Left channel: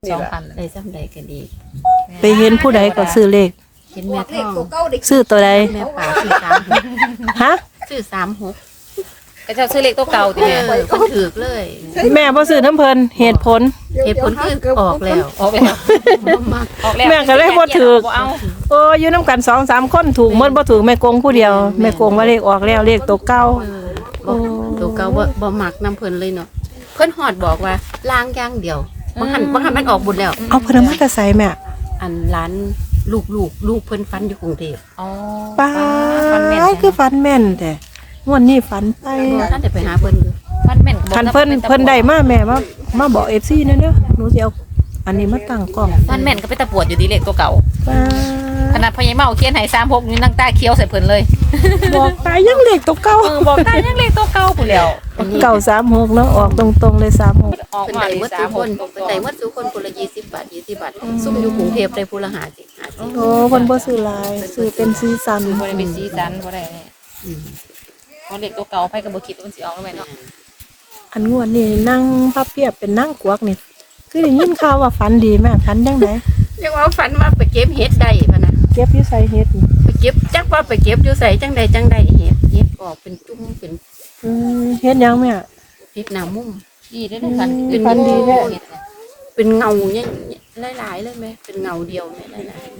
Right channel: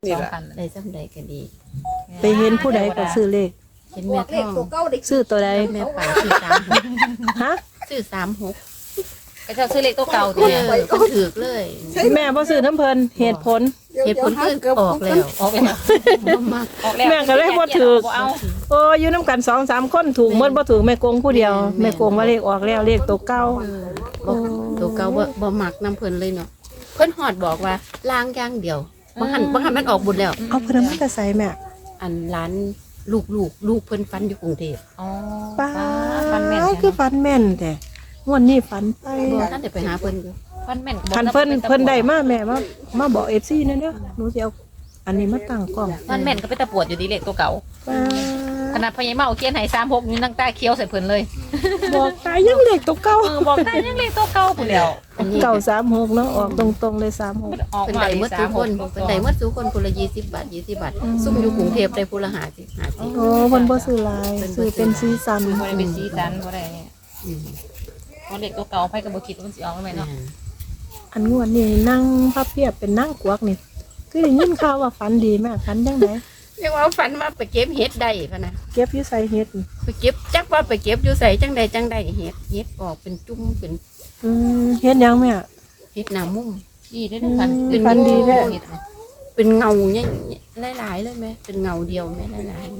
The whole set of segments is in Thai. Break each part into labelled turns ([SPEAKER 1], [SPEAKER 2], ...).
[SPEAKER 1] 2,000ได้ซ้ำใดก็ดี
[SPEAKER 2] ไปเห็นผู้ใดก็ซื้อเลข
[SPEAKER 1] เห็นแม่ท่อง
[SPEAKER 2] ซื้อตัวใด
[SPEAKER 1] แม่ป่าซื้อ36
[SPEAKER 2] ฮะ
[SPEAKER 1] ซื้อ36
[SPEAKER 3] ก็เจ้าซื้อเลขตัวเก่าติ
[SPEAKER 1] เพิ่นถูกเลย
[SPEAKER 2] แม่บ่ซื้อน้ำเพิ่นเหตุผล
[SPEAKER 1] คือออกแล้ว
[SPEAKER 3] ออกแล้ว
[SPEAKER 1] บ่มัก
[SPEAKER 3] ออกแล้ว
[SPEAKER 2] แม่ก็เลยบ่ถูก
[SPEAKER 3] บ่เอา
[SPEAKER 2] โอ้อยู่นำกัน 2-3 คนถูกหมดบ่ถูกแม่กงผู้เดียวแม่กงว่าเลขออกแล้วเลขตัวเก่า
[SPEAKER 1] บ่ตัวเก่าบ่มักนํเพิ่นเลยเนาะเพิ่นฮอดบอกว่าล้างอย่างเดียวบางหันมันออกบุญแล้ว
[SPEAKER 2] เอาเพิ่นมาแต่ไสแม่
[SPEAKER 1] อันร้านลูกเพิ่นฟันอยู่กรุงเทพ
[SPEAKER 3] อ๋อ
[SPEAKER 2] ป้า
[SPEAKER 3] ฟันแม่น
[SPEAKER 2] คือฝันแม่นแต่งวดนี้ฝันไป
[SPEAKER 1] บ่ทันได้ไปหาเพิ่นอยู่
[SPEAKER 3] ฟันแม่น
[SPEAKER 2] คันเพิ่นได้มาแม่มาบอก FC นั่นเด้อหนูสิเอาอันนี้มาตั้งกล้อง
[SPEAKER 3] ฟันแม่นก็ไปตะปวดอยู่ดีเลขตัวเก่า
[SPEAKER 2] ป้า
[SPEAKER 3] ขนาดพญาเมาเขียนให้36นี่นั่งตาเคี้ยวใส่เพิ่นเลย
[SPEAKER 2] บอกตายยังเลขตัวเก่า
[SPEAKER 3] บอกได้ยังเลขตัวเก่าพุ่นแล้ว
[SPEAKER 1] อันนี้
[SPEAKER 2] เก่า36เนาะออกตรงๆเลย36
[SPEAKER 1] เพิ่นได้หมดทุกคนเพิ่นได้หมดทุกคนคนละ20 บาท20 บาทซุ่มอยู่กรุงเทพได้ผู้ละ50
[SPEAKER 2] โอ้เพิ่นบ่ซื้อหลายซื้อเป็นสีสัน
[SPEAKER 3] บ่ได้เป็นสีสันบ่ได้
[SPEAKER 1] อืม
[SPEAKER 3] เพราะเลขตัวเก่าไปก็บ่คิดว่ามันสิออกแล้วแม่เนาะ
[SPEAKER 2] อันงวดนี้นั่งพับเพียบเป็นนั่งกวักนี่คือได้ยินข่าวว่าฝันดีแม่ฝันจังได
[SPEAKER 1] เรียกว่าฝันว่าไปเก็บเห็ดได้พะนะ
[SPEAKER 2] เก็บอยู่ใส่เฮ็ดนี่
[SPEAKER 1] ไปเก็บจักว่าไปเก็บอยู่ใส่จังใดเห็ดออกเป็นจุ้มเป็น
[SPEAKER 2] เฮ็ดหยังแม่
[SPEAKER 1] เห็ดหนามุ้ม
[SPEAKER 3] ดีได้ด้วยกัน
[SPEAKER 2] ฝันดีแท้
[SPEAKER 1] เป็นเงาเนี่ยหลายๆเลยไหมเป็นเงาเดียวไหมหลาย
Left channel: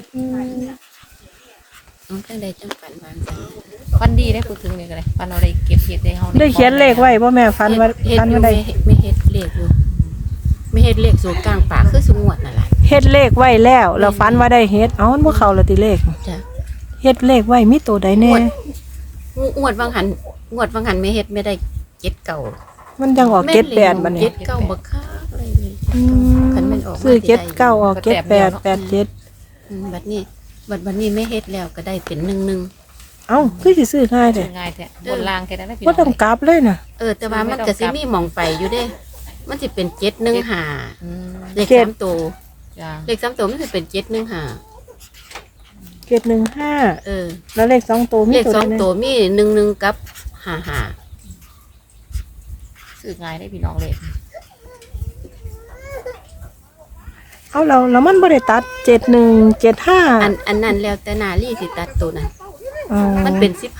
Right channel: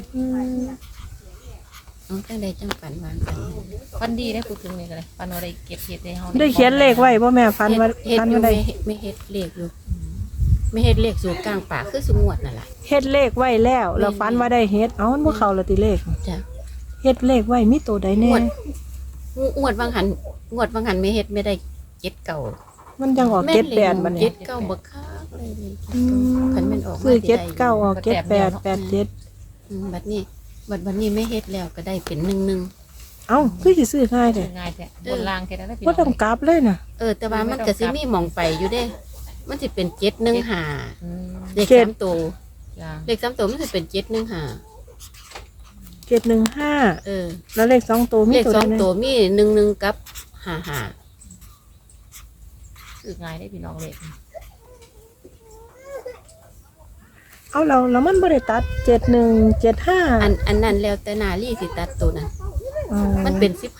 [SPEAKER 1] ๆน้องจังใดจังฝันวางสัน
[SPEAKER 3] ฟันดีได้พูดถึงนี่ก็ได้ฟันเอาได้เก็บเห็ดได้เฮา
[SPEAKER 2] ได้เขียนเลขไว้บ่แม่ฝันว่า
[SPEAKER 1] เห็ด
[SPEAKER 2] ฝัน
[SPEAKER 1] อยู่
[SPEAKER 2] ว่าได้
[SPEAKER 1] ไม่เห็ดเลขอยู่ไม่เห็ดเลขสูตรกลางป่าคือสุงวดนั่นแหละ
[SPEAKER 2] เฮ็ดเลขไว้แล้วแล้วฝันว่าได้เฮ็ดเอ้ามันบ่เข้าละติเลข
[SPEAKER 1] จ้ะ
[SPEAKER 2] เฮ็ดเลขไว้มีตัวใดแน่
[SPEAKER 1] งวดวังหันไม่เห็ดไม่ได้เจ็ดเก่า
[SPEAKER 2] มันจังออก78บัดนี้
[SPEAKER 1] เจ็ดเก้าบักคักเลยคันแม่นออกมา
[SPEAKER 2] ซื้อ
[SPEAKER 1] ที่ใด
[SPEAKER 2] 79ออก78 87
[SPEAKER 1] บัดนี้ไม่เฮ็ดแล้วก็ได้เป็น11
[SPEAKER 2] เอ้าคือสิซื้อง่ายแท้
[SPEAKER 3] ง่ายแท้บนล่างแค่นั้นได้พี่
[SPEAKER 2] บ่ต้องกลับเลยน่ะ
[SPEAKER 1] แต่ว่ามันก็สิมีหม่องไปอยู่เด้ มันสิเป็น715
[SPEAKER 3] อืม
[SPEAKER 1] เลข3ตัว
[SPEAKER 3] จ้า
[SPEAKER 1] เลข3ตัวมันสิเป็น715
[SPEAKER 2] เก็บ15แล้วเลข2ตัวมี
[SPEAKER 1] เลข
[SPEAKER 2] ตัวใด
[SPEAKER 1] 2
[SPEAKER 2] แน่
[SPEAKER 1] ตัวมี11กับ55
[SPEAKER 3] ซื้อง่ายได้พี่น้องเลย
[SPEAKER 2] เอาแล้วมันบ่ได้ตัด7175
[SPEAKER 1] อันนั้นแล้วแต่นาลีสิตัดตัวนั้น
[SPEAKER 2] อ๋อ
[SPEAKER 1] มันเป็น15 51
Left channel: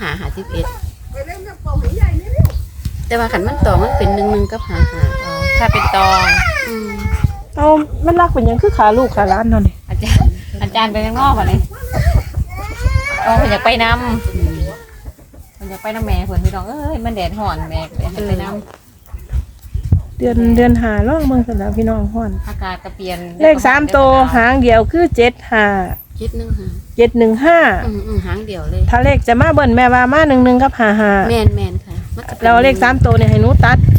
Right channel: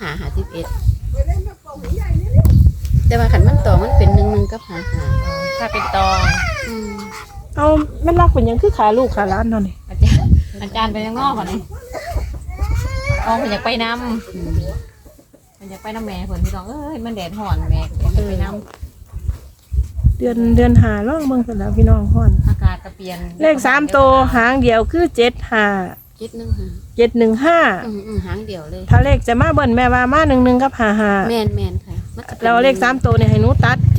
[SPEAKER 1] แต่ว่าคันมันต่อมันเป็น11กับ55
[SPEAKER 3] ถ้าเป็นตอง
[SPEAKER 1] อืม
[SPEAKER 2] เอามันรักเป็นหยังคือขาลูกขาหล้านเนาะนี่
[SPEAKER 3] อาจารย์ไปข้างนอกก่อนเลยอ๋อเพิ่นอยากไปนำเพิ่นอยากไปนำแม่เพิ่นพี่น้องเอ้ยมันแดดร้อนแม่ไปนำ
[SPEAKER 2] เดือน5ร้องเบิ่งซั่นล่ะพี่น้องฮ้อน
[SPEAKER 3] อากาศก็เปลี่ยน
[SPEAKER 2] เลข3ตัวหางเดียวคือ75
[SPEAKER 1] 715
[SPEAKER 2] 715
[SPEAKER 1] หางเดียวเลย
[SPEAKER 2] ถ้าเลขจะมาเบิ่นแม่ว่ามา11กับ55
[SPEAKER 1] แมนค่ะมันจะป็น
[SPEAKER 2] แล้วเลข3ตัวเนี่ยให้หนูตัด71 75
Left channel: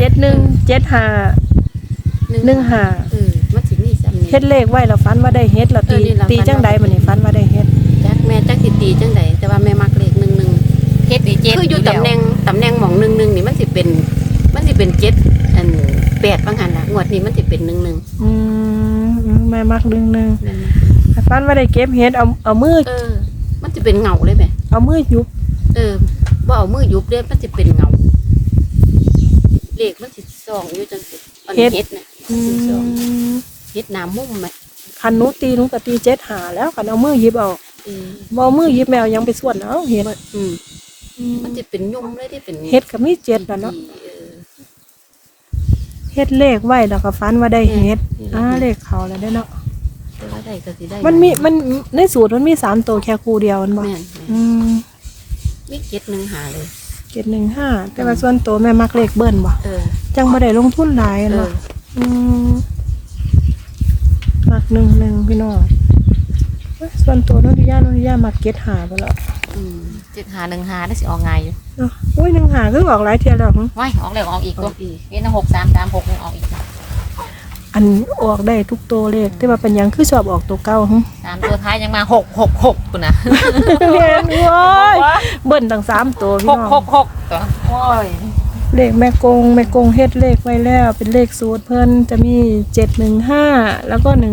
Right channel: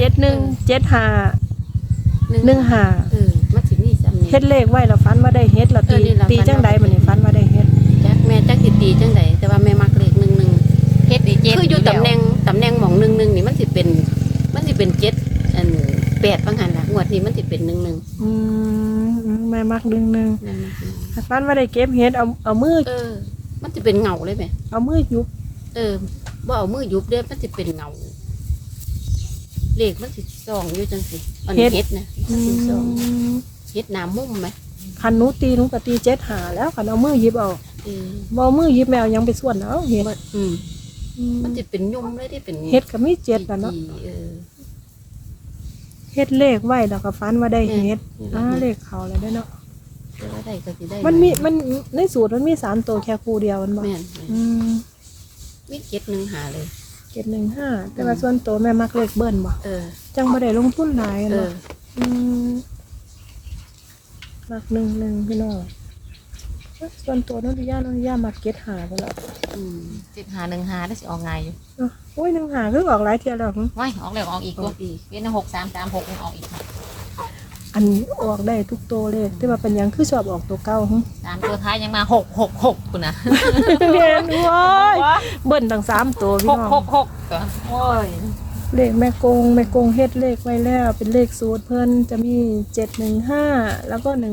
[SPEAKER 2] 15
[SPEAKER 1] มันสิมีซ้ำนี่
[SPEAKER 2] เฮ็ดเลขไว้แล้วฝันว่าได้เฮ็ดแล้ว
[SPEAKER 1] นี่ล่ะ
[SPEAKER 2] ตีจังใดบัดนี้ฝันว่าได้เฮ็ด
[SPEAKER 1] จักแม่จักสิตีจังใดแต่ว่าแม่มักเลข11
[SPEAKER 3] เฮ็ดดีเจ็ด
[SPEAKER 1] คืออยู่ตำแหน่งหม่อง11นี่มันสิเป็น7อัน8บางหันล่ะงวดนี้มันสิเป็น11
[SPEAKER 2] แม่มักดึงนึง
[SPEAKER 1] นั่น
[SPEAKER 2] ฝันว่าได้เก็บเฮ็ดเอามือ
[SPEAKER 1] มันสิเป็นเงาเลยแม่
[SPEAKER 2] เอามือยุบ
[SPEAKER 1] บ่เอามือยุบเด้มันสิเป็นเงาเลขมันสิส่องอยู่จังซี่อันเฮ็ดนะมันสิส่องเฮ็ดหน้ามุมไหม
[SPEAKER 2] คันหนูตีหนูก็ตี75แล้วคันเอามือหยิบเอาบ่เอามือหยิบแมวยังไปส่วนเอาเฮ็ด
[SPEAKER 1] มันจะเป็นยุ่มเลยที่เป็น
[SPEAKER 2] เฮ็ดก็มี7แล้วเนาะ
[SPEAKER 1] เออ
[SPEAKER 2] เฮ็ดเลขไว้แล้วก็ฝันว่าได้เฮ็ด
[SPEAKER 1] นี่ล่ะ
[SPEAKER 2] เลขเขาแล้วได้เนาะ
[SPEAKER 1] แต่ว่าได้ก็สิได้
[SPEAKER 2] มันในสูตรมันมี3ตัวแค่คู่เดียวมันบ่
[SPEAKER 1] แม่น มี715เลย
[SPEAKER 2] 715แต่ว่าส่วนตัวแม่มักเลขเบิ้นบ่ จังบ่ได้ลงทุนหลายเนาะมัก11พี่น้องส่วนตัวนนทิยามักเก็ตหาบ่ล่ะ
[SPEAKER 3] 7515ได้สิออกง่ายอยู่
[SPEAKER 2] เนาะโอ้ย1 คือออกหลายเที่ยแล้วหึ
[SPEAKER 3] ว้ายออกแล้วออกอีกตัวเป็น6336นี่ออกอีก
[SPEAKER 2] อันออกได้ทุกตัวเลขแต่ว่าเป็นหยังคือชอบออกตัวเก่าหึ
[SPEAKER 3] 3ตัวท้ายยังมา666ปุ่นน่ะ
[SPEAKER 2] แม่นโอ้ยเบิ้นตั้ง3ตัวพี่น้อง
[SPEAKER 3] 666ตัวโอ้ย
[SPEAKER 2] เลขแม่กงเฮ็ดเลขไว้แล้วเป็นเลขสูตรเพิ่นจะมี715แล้วก็11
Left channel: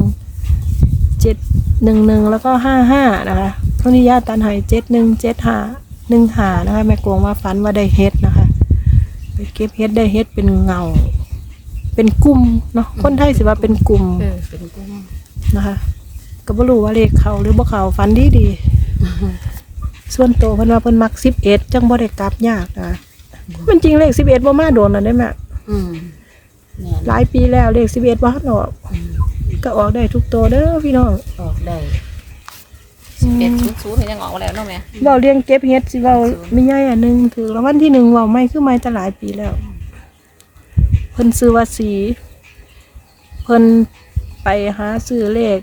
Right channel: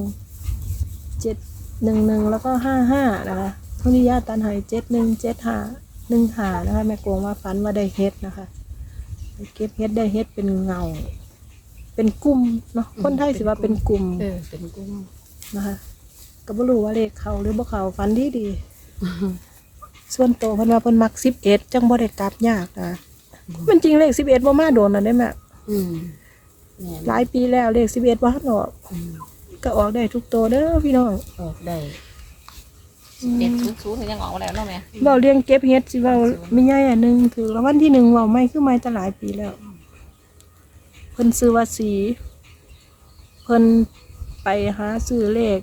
[SPEAKER 2] 711แล้วก็55นะคะเท่านี้ญาติตันให้717515นะคะแม่กงว่าฝันว่าได้เฮ็ดนะคะไปเก็บเฮ็ดได้เฮ็ดเป็นเงาเป็นกลุ่มเนาะคนไทยสิว่าเป็นกลุ่ม
[SPEAKER 1] เป็นกุ้ง
[SPEAKER 2] นะคะก็บ่รู้ว่าเลขเขาหรือบ่เขาฝันดีส่วนโตวเพิ่นว่าเพิ่นมัก11จังบ่ได้กลับยากนะมันจริงเลข11บ่มาโดนน่ะได้แม่
[SPEAKER 1] แม่น
[SPEAKER 2] หลายปีแล้วเลข11บ่ทันออกก็ออกได้ทุกโตวเด้อพี่น้อง
[SPEAKER 1] ออกได้
[SPEAKER 3] 1100ยังออกแล้วเนาะแม่
[SPEAKER 2] เว้าเรื่องเก็บเฮ็ดสิเว้ามีใหญ่อันหนึงถือรางวัลที่1เว้าไม่คือไม่จะหลายปีแล้วเพิ่นซื้อว่าสีเพิ่นไปหาซื้อเลข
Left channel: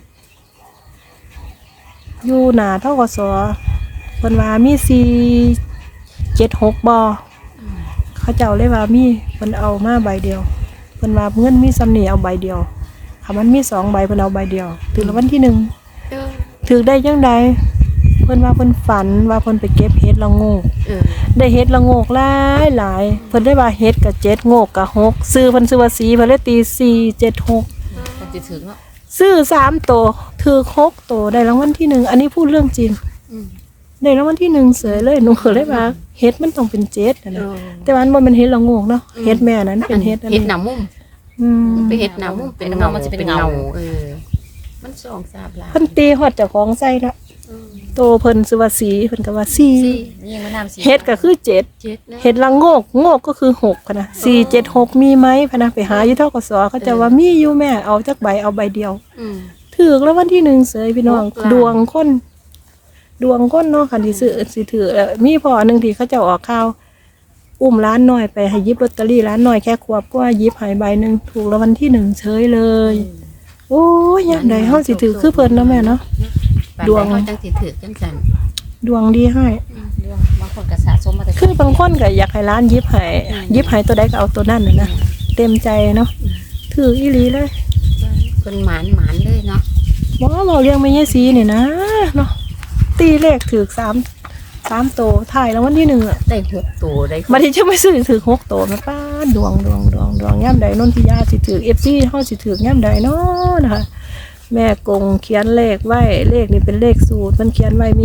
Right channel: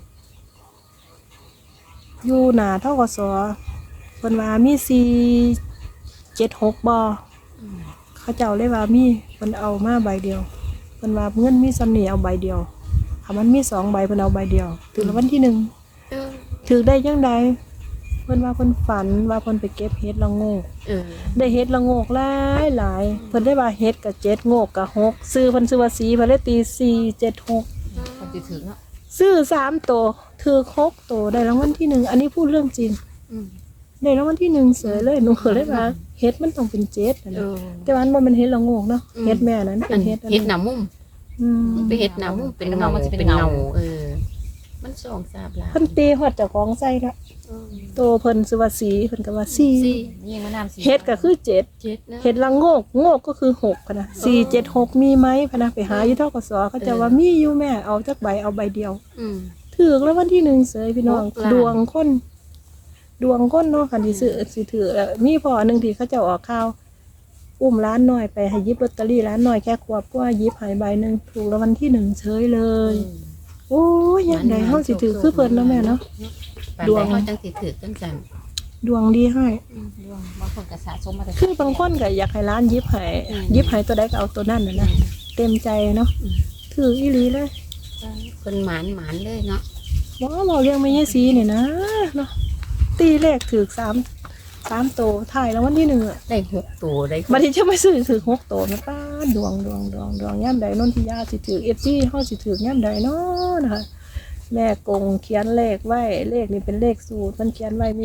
[SPEAKER 2] อยู่หน้าธกสเพิ่นว่ามี476บ่เขาเจ้าเลยว่ามีเพิ่นเอามาใบเดียวเพิ่นว่าเงินมีสำนีเอาใบเดียวถ้ามันมี2ใบเพิ่นเอาใบเดียวถือรางวัลที่1ถือได้จังใดเพิ่นว่าเพิ่นฝันว่าเพิ่นไปเก็บเห็ดละโงกได้เห็ดละโงกหลายเพิ่นได้ว่าเห็ดกับ7โงกกับ6ซื้อเพิ่นซื้อว่าสีเพิ่นเลยตี476
[SPEAKER 3] มันจะถึงเนาะ
[SPEAKER 2] ซื้อ3ตัวถือ6ตัวได้รางวัลที่1อันนี้พูดเรื่องจริงได้รางวัลที่1เสยเลยหนูเคยเลยว่าเห็ดมันต้องเป็น7นะแต่ว่ามันบ่แม่นเห็ดละโงกเนาะเห็ดแม่นั้นเป็นเห็ด
[SPEAKER 1] เฮ็ดหน้ามุม
[SPEAKER 2] มัน
[SPEAKER 1] ไปเฮ็ดหน้ามุมเป็นเงาเป็นเงามันส่องสาบลา
[SPEAKER 2] เพิ่นตีฮอดเจ้าของใส่ละโตเพิ่นซื้อว่าสีเพิ่นก็ว่า4
[SPEAKER 3] นี่มันน้ำสี
[SPEAKER 2] เห็ดก็คือ7
[SPEAKER 1] เจ็ดนะ
[SPEAKER 2] เห็ดละโงกโงกก็คือ6พะนะ476มีไหมพะนะไปหาอยู่ธกสเขาจะว่ามีอยู่แม่เอาจักใบเอาใบเดียวถือแล้ววันที่1เสยพี่น้องดวงคนเนาะคันที่ซื้อสิถือมีพ่อนึงที่เขาเจ้าออกข่าวอุ้มร้านน้อยไปให้หยิบลอตเตอรี่ร้านน้อยแค่ขวบก็หยิบให้ใบหนึงถูกแล้ววันที่1เฉยเลยโอ้ยยามใดเฮาสิถือคือเพิ่นเนาะแม่เนาะ
[SPEAKER 1] ดวงเขาจังสิถือจังซั่น
[SPEAKER 2] ดวงดีให้
[SPEAKER 3] บางคนก็สะสมมาแต่
[SPEAKER 2] คือบางคนก็อยากให้ร้านหยิบให้ตัวใดก็เอาตัวนั้นน่ะนะเต็มใจเนาะถืออีหลีเลย
[SPEAKER 1] เพิ่นหมานเลยเนาะ
[SPEAKER 2] ว่าเราเลี้ยงไม่ใช่สีเนี่ยนะเนาะตีเลขถือ3โตถ่ายแล้ววันที่1อ่ะ
[SPEAKER 1] ได้6ตัวได้
[SPEAKER 2] มาที่จะไม่ซื้อถือ6โตนะป้าดวงย่ำใดนนทิยาสิถือFCเฮาสิถือย่ำใดเนาะนะคะแม่กงเขียนเลขไว้เลขนี่เป็นเลขสูตรมันเขียนไว้มี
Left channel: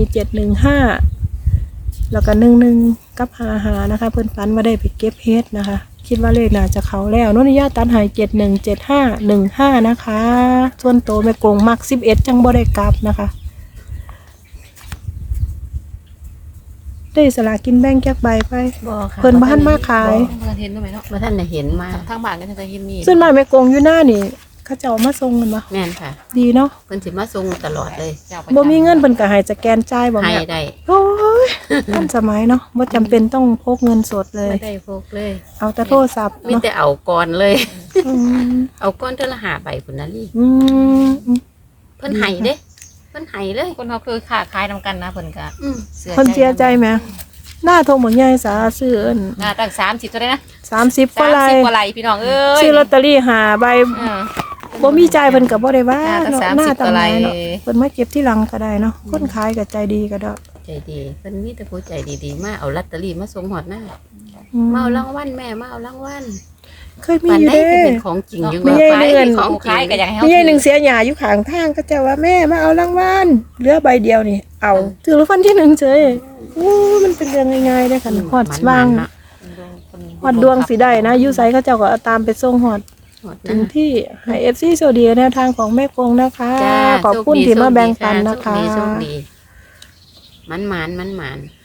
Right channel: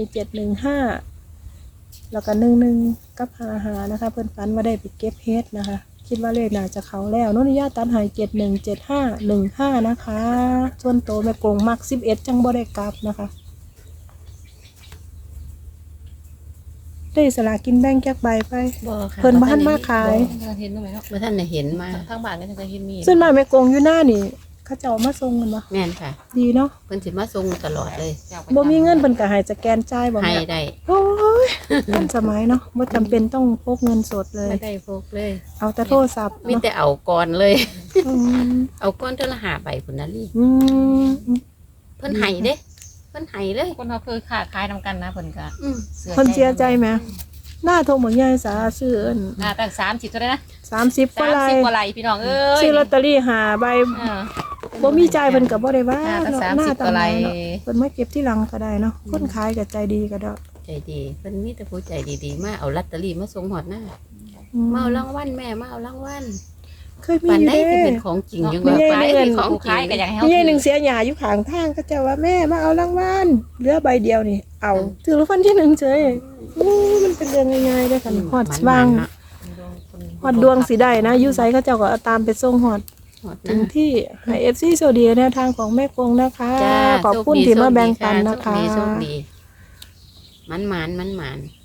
[SPEAKER 2] 715แล้วก็11กับ55นะคะเพิ่นฝันว่าได้ไปเก็บเฮ็ดนะคะคิดว่าเลขน่าจะเข้าแล้วนนทิยาตัดให้717515นะคะส่วนโตแม่กงมัก11จังบ่ได้กลับนะคะได้สลากกินแบ่งแจกใบไป
[SPEAKER 1] บ่ค่ะ
[SPEAKER 2] เพิ่นบ้านมาขาย
[SPEAKER 3] เห็นไหมเนาะ
[SPEAKER 1] บ่ทันได้เห็นมา
[SPEAKER 3] ทางบ้านก็จะเห็นมี
[SPEAKER 2] ส่วนมากแม่กงอยู่หน้านี่เขาเจ้ามาส่งกันบ่
[SPEAKER 1] แม่นค่ะ
[SPEAKER 2] ดีเนาะ
[SPEAKER 1] เพิ่นสิมาส่งตลอดเลย
[SPEAKER 2] บ่มีเงินเพิ่นก็ให้สแกนจ่ายบ่
[SPEAKER 1] ให้
[SPEAKER 2] แม่
[SPEAKER 1] ได้
[SPEAKER 2] โอ้ยทันสมัยเนาะบ่จำเป็นต้องพกเงินสดเลย
[SPEAKER 1] ไม่ได้พกเลย
[SPEAKER 2] เอาแต่โทรศัพท์
[SPEAKER 1] มี
[SPEAKER 2] เนาะ
[SPEAKER 1] แต่เอาก่อนเลย
[SPEAKER 2] อืม
[SPEAKER 1] เอาก้อนเท่าละ5ใบพุ่นน่ะลี่
[SPEAKER 2] อืม
[SPEAKER 1] เพิ่นให้เด้เพิ่นให้เลย
[SPEAKER 3] คนเขาคือค้าขายนำกันนะเพิ่นก็
[SPEAKER 2] เพิ่นเสียใจไหมหน้าโทรบ่ใหญ่สาซื้อเอิ้น
[SPEAKER 3] ตั้ง30เท่าไหร่นะ
[SPEAKER 2] 30กว่าไล
[SPEAKER 3] 30กว่าไหลพี่น้องเอ้ย
[SPEAKER 2] ซื้อลอตเตอรี่5ใบบ่มีจ่ายเพิ่นก็บ่ได้ว่า
[SPEAKER 3] ตั้ง
[SPEAKER 2] เนาะ
[SPEAKER 3] 30
[SPEAKER 2] หน้าตำ
[SPEAKER 3] กว่า
[SPEAKER 2] ไห
[SPEAKER 3] ไหล
[SPEAKER 2] นเนาะเพิ่นมาเก็บที่หลังก็ได้เนาะคนขายก็ใจดีก็ได้
[SPEAKER 1] ใจดีเพิ่นมีแต่ผู้ใจดีๆมาเอาลอตเตอรี่มาส่งฮอดหน้า
[SPEAKER 2] อืม
[SPEAKER 1] มาเอารางวัลแม่มาเอารางวัล
[SPEAKER 2] เคยมี
[SPEAKER 1] ปาน
[SPEAKER 2] อยู่
[SPEAKER 1] ใด
[SPEAKER 2] เด้
[SPEAKER 1] ที่เป็นของจริงยัง
[SPEAKER 2] มี
[SPEAKER 1] ว่า
[SPEAKER 2] ใหญ่
[SPEAKER 1] ปานใด
[SPEAKER 2] เงิน
[SPEAKER 1] ที่ของจริ
[SPEAKER 3] ขาง ยก็อยากให้
[SPEAKER 2] มี
[SPEAKER 3] เฮา
[SPEAKER 2] ไอ้หนึ่งเสียหยาอยู่ข้างทางก็จะว่าแม่มาเอารางวัลเหลือใบเดียวนี่เอาถือรางวัลที่1เฉยโอ้มันเป็นเรื่องง่ายๆได้อค่ะฮอดว่าง
[SPEAKER 1] เนาะ
[SPEAKER 2] ฮอดดวงสิได้นะอยู่ไสเขาเจ้าก็เอาตามไปส่งฮอด
[SPEAKER 1] ฮอด
[SPEAKER 2] ถึ
[SPEAKER 1] นะ
[SPEAKER 2] งที่ให้ FC โซเดียแนวทางของแม่กงนะคะ
[SPEAKER 1] จ้า
[SPEAKER 2] ขอบคุณที่มาแบ่งปันนะคะ
[SPEAKER 1] โชคดีมันหมาน